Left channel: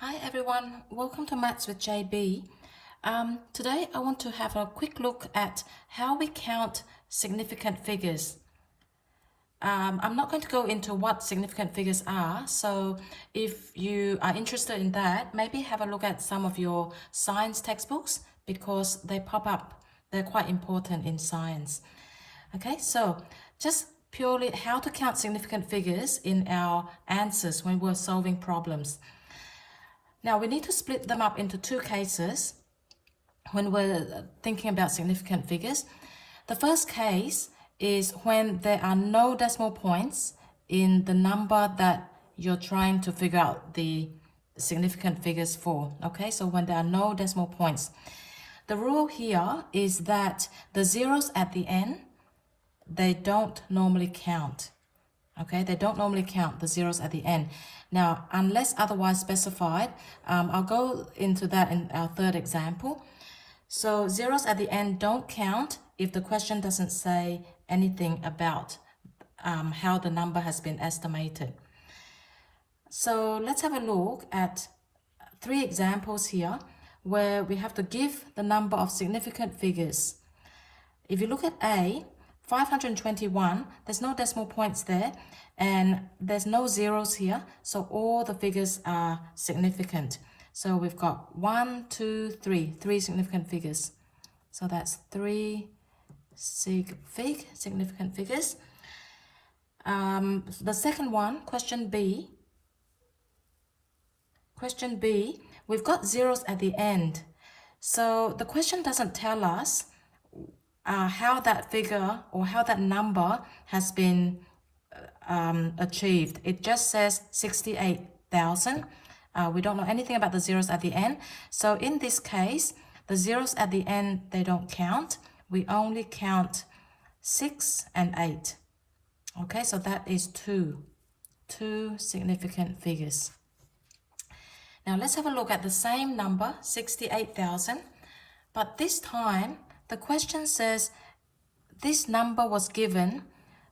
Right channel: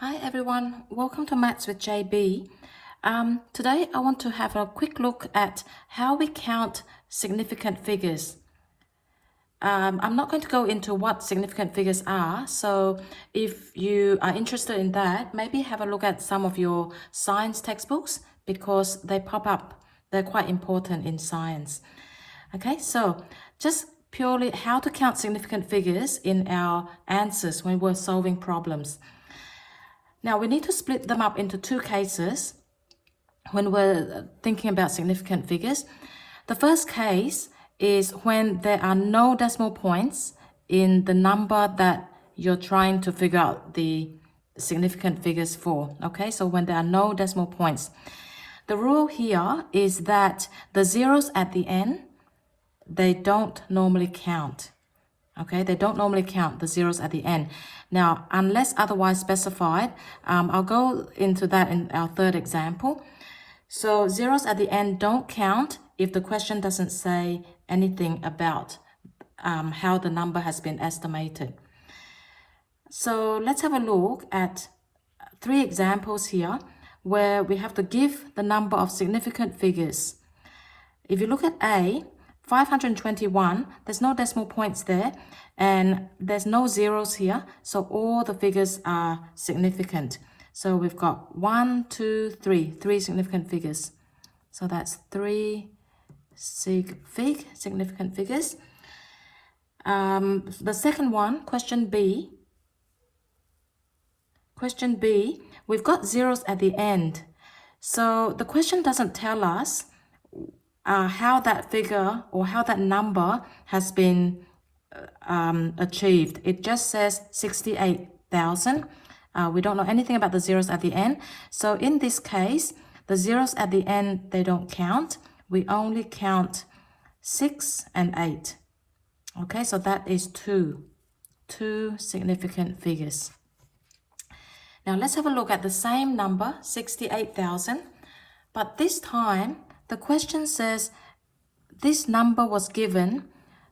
Hi everyone, welcome to Maths with JB. Today I want to have a quick look at how we count significant figures. I'm not going to go into what significant figures are, so if you are interested in that, maybe have a look at some of your science textbooks because they pop up. They're quite important in science. Okay, so just purely how to count significant figures in our answers when we're solving problems. Now we need to split them up into two cases when we're thinking about significant figures. The first case is when there are no decimal points in the number that you're trying to figure out the significant figures for. Okay, so when there are no decimal points. The rule here is that the zeros at the end, they don't normally count. Okay, they don't normally count the zeros at the end. Now, unless otherwise specified, I'll go into that in our third example. So zeros at the end don't count if the question doesn't say anything about how the number has been estimated. So let's have a look at three examples here where we have to give the number of significant figures. If you look at A, 521, there's no decimal points there and there's no zeros here, so all the figures are significant. So we've got 1, 2, 3, three significant figures. So that's three significant figures. The second one, question B, we've got zeros at the end. So the question doesn't tell us how that figure or how that number has been achieved. It just says 68,000. We don't know anything about the zeros at the end. So in this case, the zeros at the end, they don't count. We only count 6 and 8. Okay, so that is two significant figures. Now let's have a look at the same number, 68,000, but this time the question says this number was given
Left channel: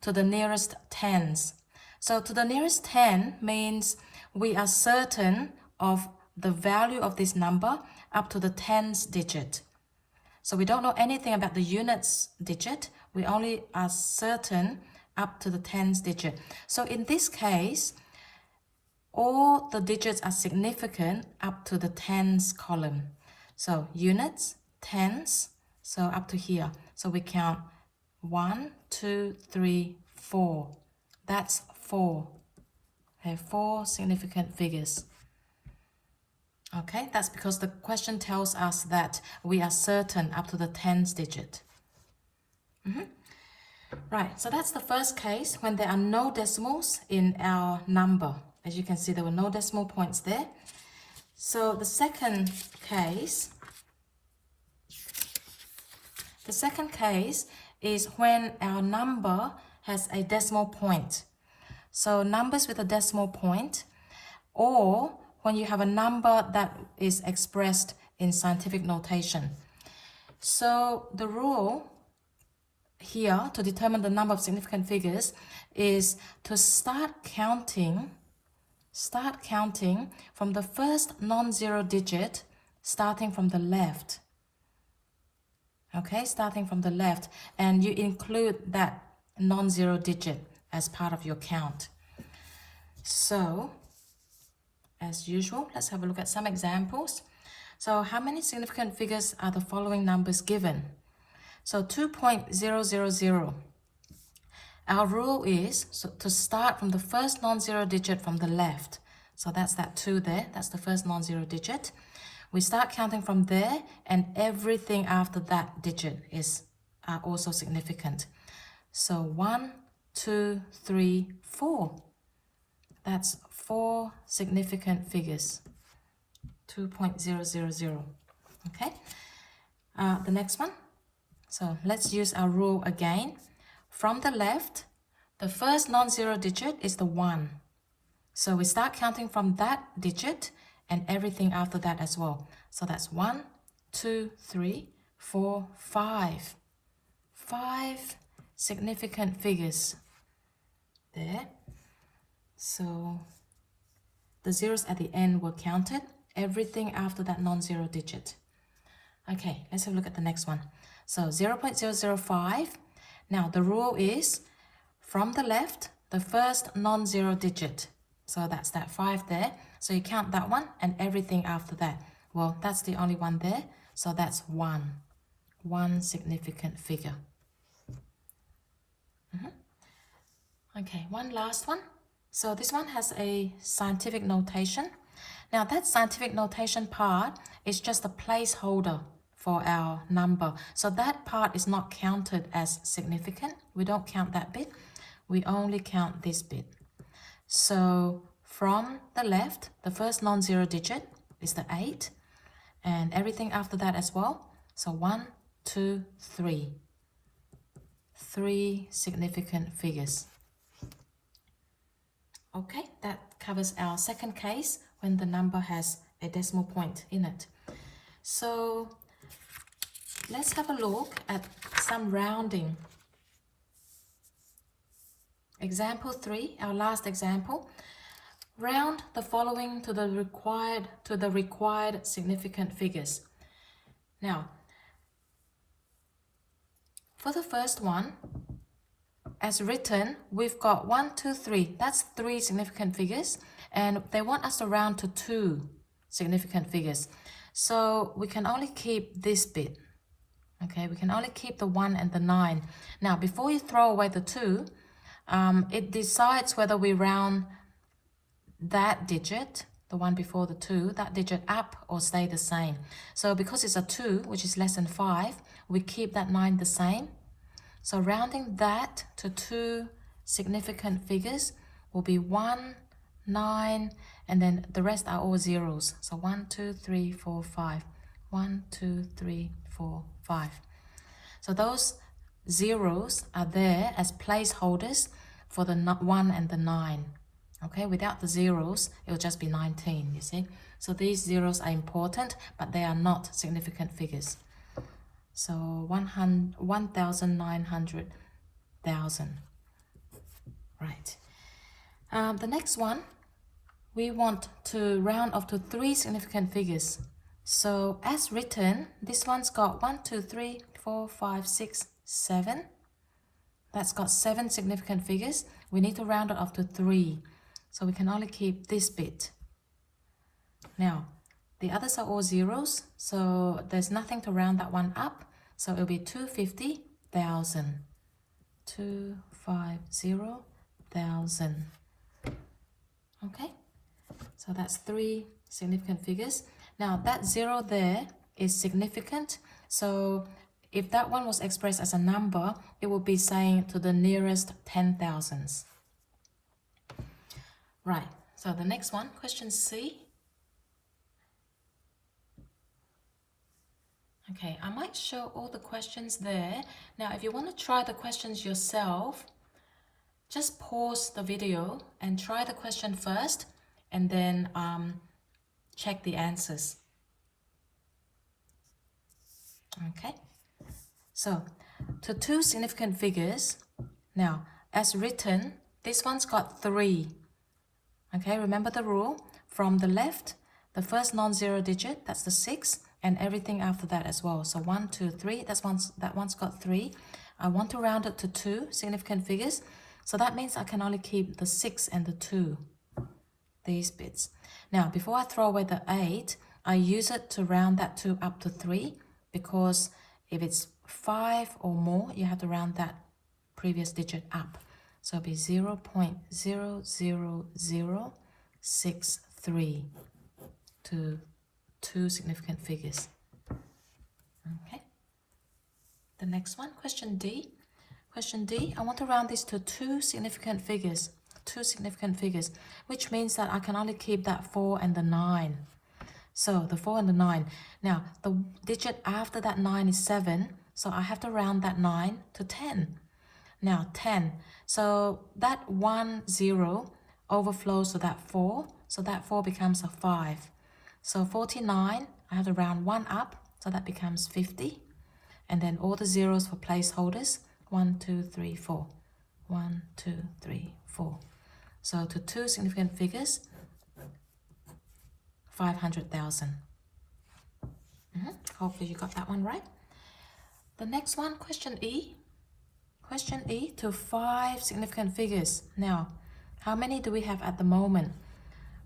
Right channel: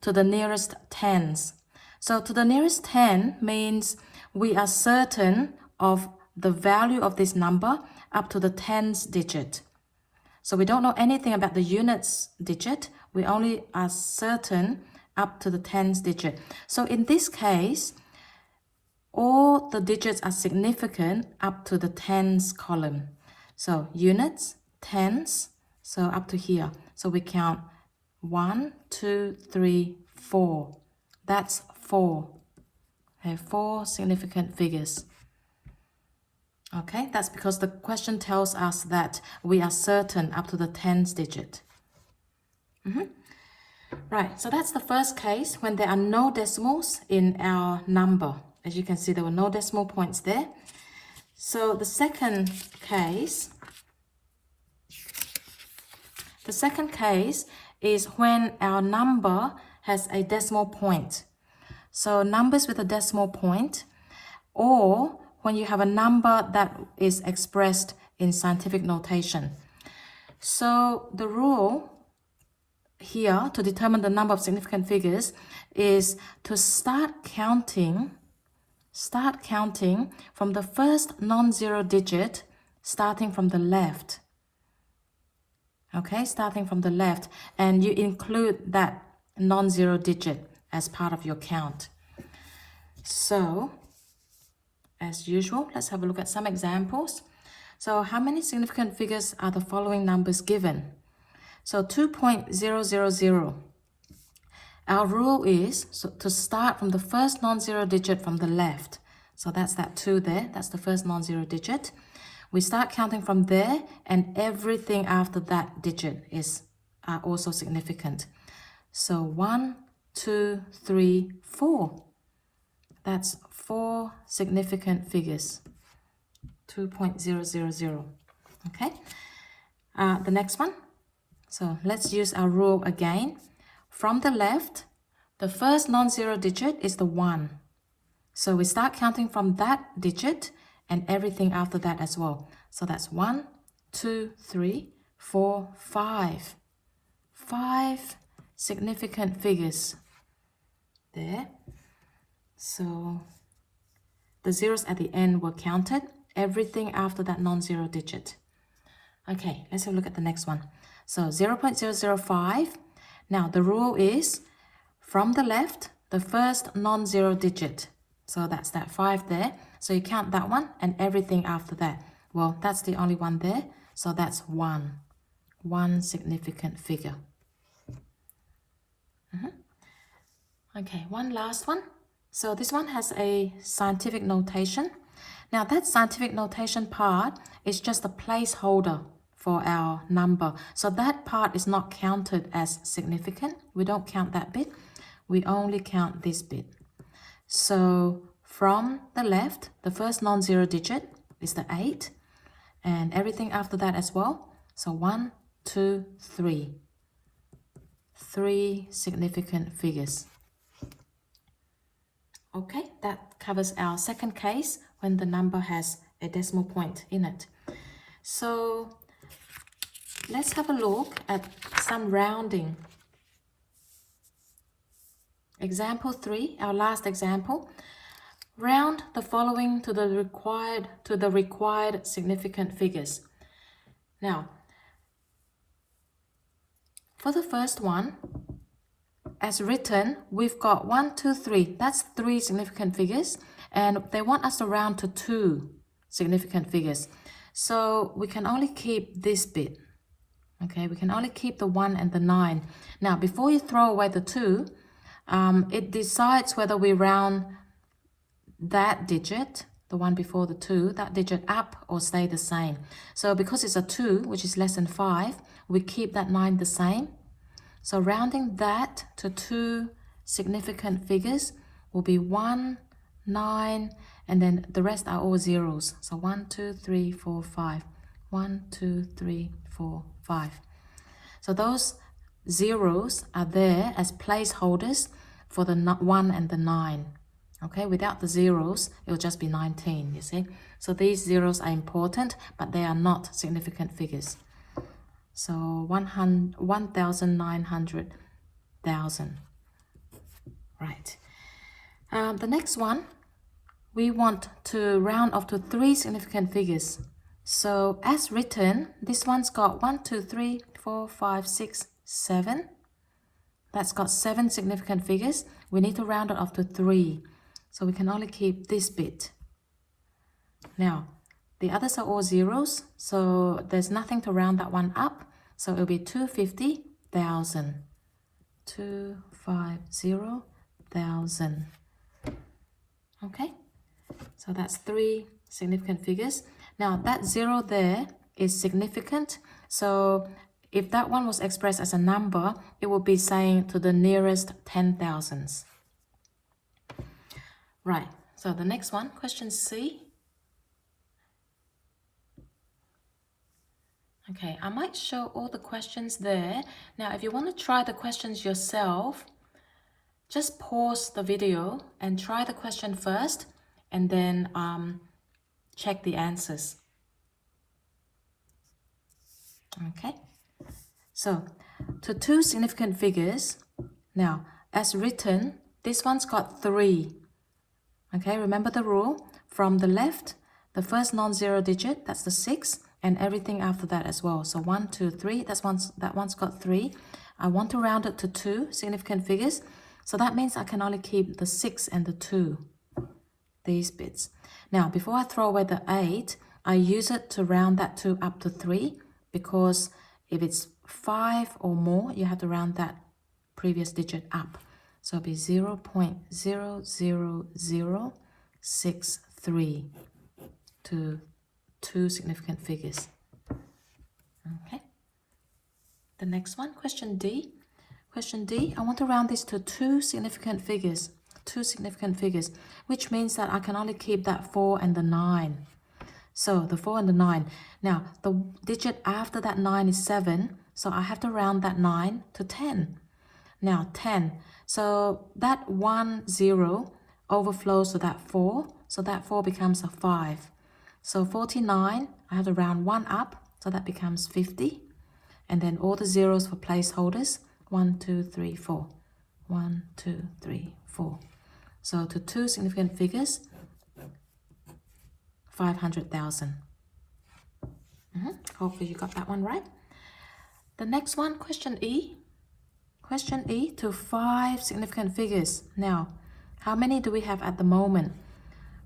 to the nearest tens. So to the nearest 10 means we are certain of the value of this number up to the tens digit. So we don't know anything about the units digit. We only are certain up to the tens digit. So in this case, all the digits are significant up to the tens column. So units, tens, so up to here. So we count 1, 2, 3, 4. That's 4. Okay, 4 significant figures. Okay, that's because the question tells us that we are certain up to the tens digit. Right, so that's the first case when there are no decimals in our number. As you can see, there were no decimal points there. So the second case is when our number has a decimal point. So numbers with a decimal point, or when you have a number that is expressed in scientific notation. So the rule here to determine the number of significant figures is to start counting from the first non-zero digit, starting from the left. Okay, starting from the left, and you include that non-zero digit as part of your count. So, as usual, let's have a look at some examples. So, how many significant figures are the following numbers given? So, 2.000. Our rule is to start from the first non-zero digit from the left. So that's that 2 there. That's the first non-zero digit. We start counting from there, and everything after that digit is also significant. So 1, 2, 3, 4. That's 4 significant figures. 2.000. Okay. The next one. So let's use our rule again. From the left, the first non-zero digit is the 1. So we start counting from that digit and everything after that as well. So that's 1, 2, 3, 4, 5. 5 significant figures there. So the zeros at the end were counted, everything after that non-zero digit. Okay, let's have a look at the next one. So 0.005. Now the rule is from the left, the first non-zero digit. So that's that 5 there. So you count that one and everything after that. Well, that's the only one there. So that's 1. 1 significant figure. Okay, one last one. So this one has a scientific notation. Now that scientific notation part is just a placeholder for our number. So that part is not counted as significant. We don't count that bit. We only count this bit. So from the left, the first non-zero digit is the 8. And everything after that as well. So 1, 2, 3. 3 significant figures. Okay, that covers our second case when the number has a decimal point in it. So let's have a look at some rounding. Example 3, our last example. Round the following to the required significant figures. Now, for the first one, as written, we've got 1, 2, 3. That's 3 significant figures, and they want us to round to 2 significant figures. So we can only keep this bit. Okay, we can only keep the 1 and the 9. Now, before you throw away the 2, it decides whether we round that digit, the one before the 2, that digit up or stay the same. So because it's a 2, which is less than 5, we keep that 9 the same. So rounding that to 2 significant figures will be 1, 9, and then the rest are all zeros. So 1, 2, 3, 4, 5. 1, 2, 3, 4, 5. So those zeros are there as placeholders for the 1 and the 9. Okay, without the zeros, it will just be 19, you see. So these zeros are important, but they are not significant figures. So 1,900,000. Right. The next one, we want to round off to 3 significant figures. So as written, this one's got 1, 2, 3, 4, 5, 6, 7. That's got 7 significant figures. We need to round it off to 3. So we can only keep this bit. Now, the others are all zeros, so there's nothing to round that one up. So it'll be 250,000. 250,000. Okay, so that's 3 significant figures. Now that 0 there is significant. So if that one was expressed as a number, it will be saying to the nearest 10,000s. Right, so the next one, question C. Okay, I might show all the questions there. Now, if you want to try the questions yourself, just pause the video and try the question first, and then check the answers. Okay, so to 2 significant figures, now, as written, this one's got 3. Okay, remember the rule. From the left, the first non-zero digit, that's the 6, and everything after that as well. So 1, 2, 3, that one's got 3. I want to round it to 2 significant figures. So that means I can only keep the 6 and the 2, these bits. Now, before I throw away the 8, I use it to round that 2 up to 3, because if it's 5 or more, you have to round that previous digit up. So it'll be 0.00063 to 2 significant figures. Okay. The next one, question D. Question D, I want to round this to 2 significant figures. 2 significant figures, which means that I can only keep that 4 and the 9. So the 4 and the 9. Now, the digit after that 9 is 7, so I have to round that 9 to 10. Now, 10. So that 1, 0 overflows to that 4, so that 4 becomes a 5. So 49, I have to round 1 up, so that becomes 50. And then all the zeros for placeholders, 1, 2, 3, 4. 1, 2, 3, 4. So to 2 significant figures, 500,000. Hopefully you got that one right. The next one, question E. Question E to 5 significant figures. Now, how many do we have at the moment?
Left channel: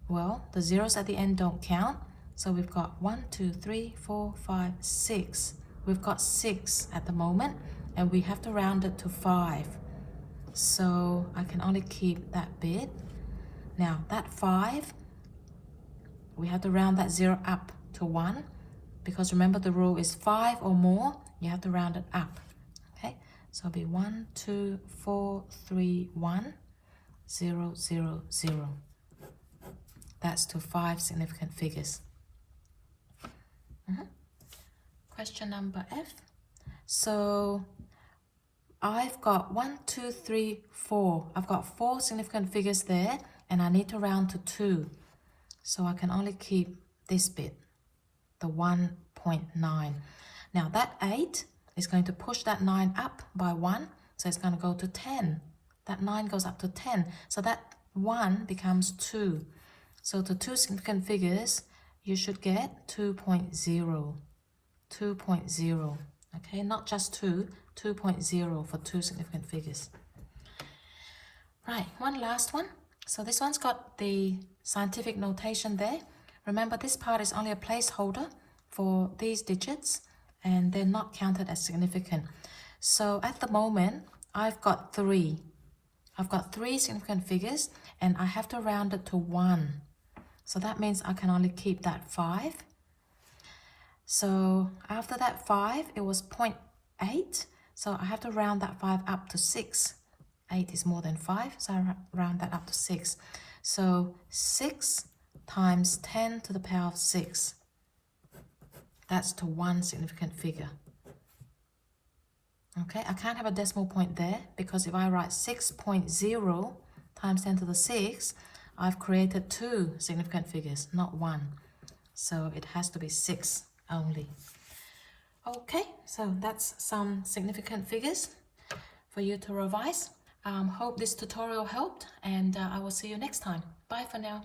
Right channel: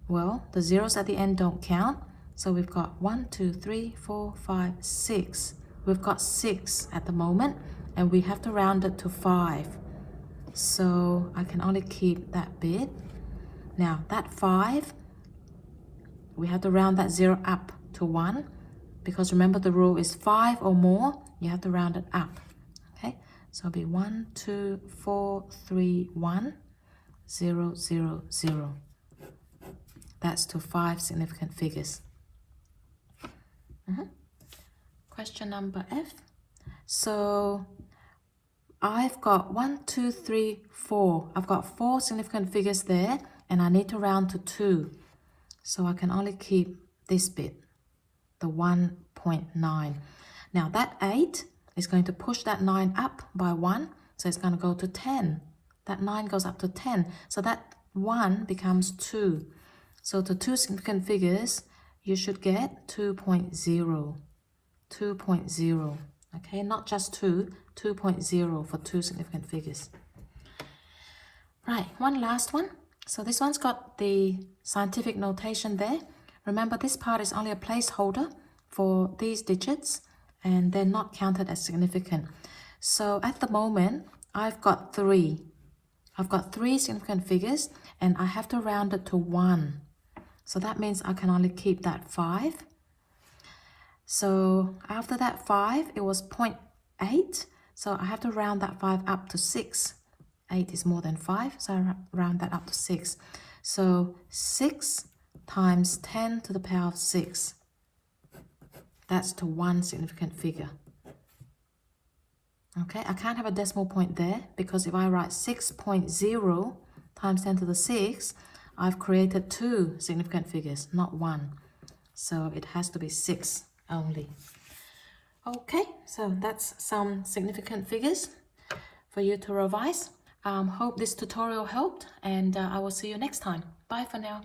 Well, the zeros at the end don't count. So we've got 1, 2, 3, 4, 5, 6. We've got 6 at the moment, and we have to round it to 5. So I can only keep that bit. Now that 5, we have to round that 0 up to 1, because remember the rule is 5 or more, you have to round it up. Okay, so it'll be 1, 2, 4, 3, 1, 0, 0, 0. That's to 5 significant figures. Question number F. So I've got 1, 2, 3, 4. I've got 4 significant figures there, and I need to round to 2. So I can only keep this bit, the 1.9. Now that 8 is going to push that 9 up by 1, so it's going to go to 10. That 9 goes up to 10, so that 1 becomes 2. So to 2 significant figures, you should get 2.0. 2.0. Okay, not just 2, 2.0 for 2 significant figures. Right, one last one. So this one's got the scientific notation there. Remember, this part is only a placeholder for these digits, and they're not counted as significant. So at the moment, I've got 3. I've got 3 significant figures, and I have to round it to 1. So that means I can only keep that 5. So after that 5, it was 0.8. So I have to round that 5 up to 6. 8 is more than 5, so I round that up to 6. So 6 times 10 to the power of 6. That's to 1 significant figure. Okay, I can't have a decimal point there, because if I write 6.0 times 10 to the 6, I've created 2 significant figures, not 1. So it has to be 6 only. Okay, so that's some significant figures for you to revise. Hope this tutorial helped, and I will see you next time. Bye for now.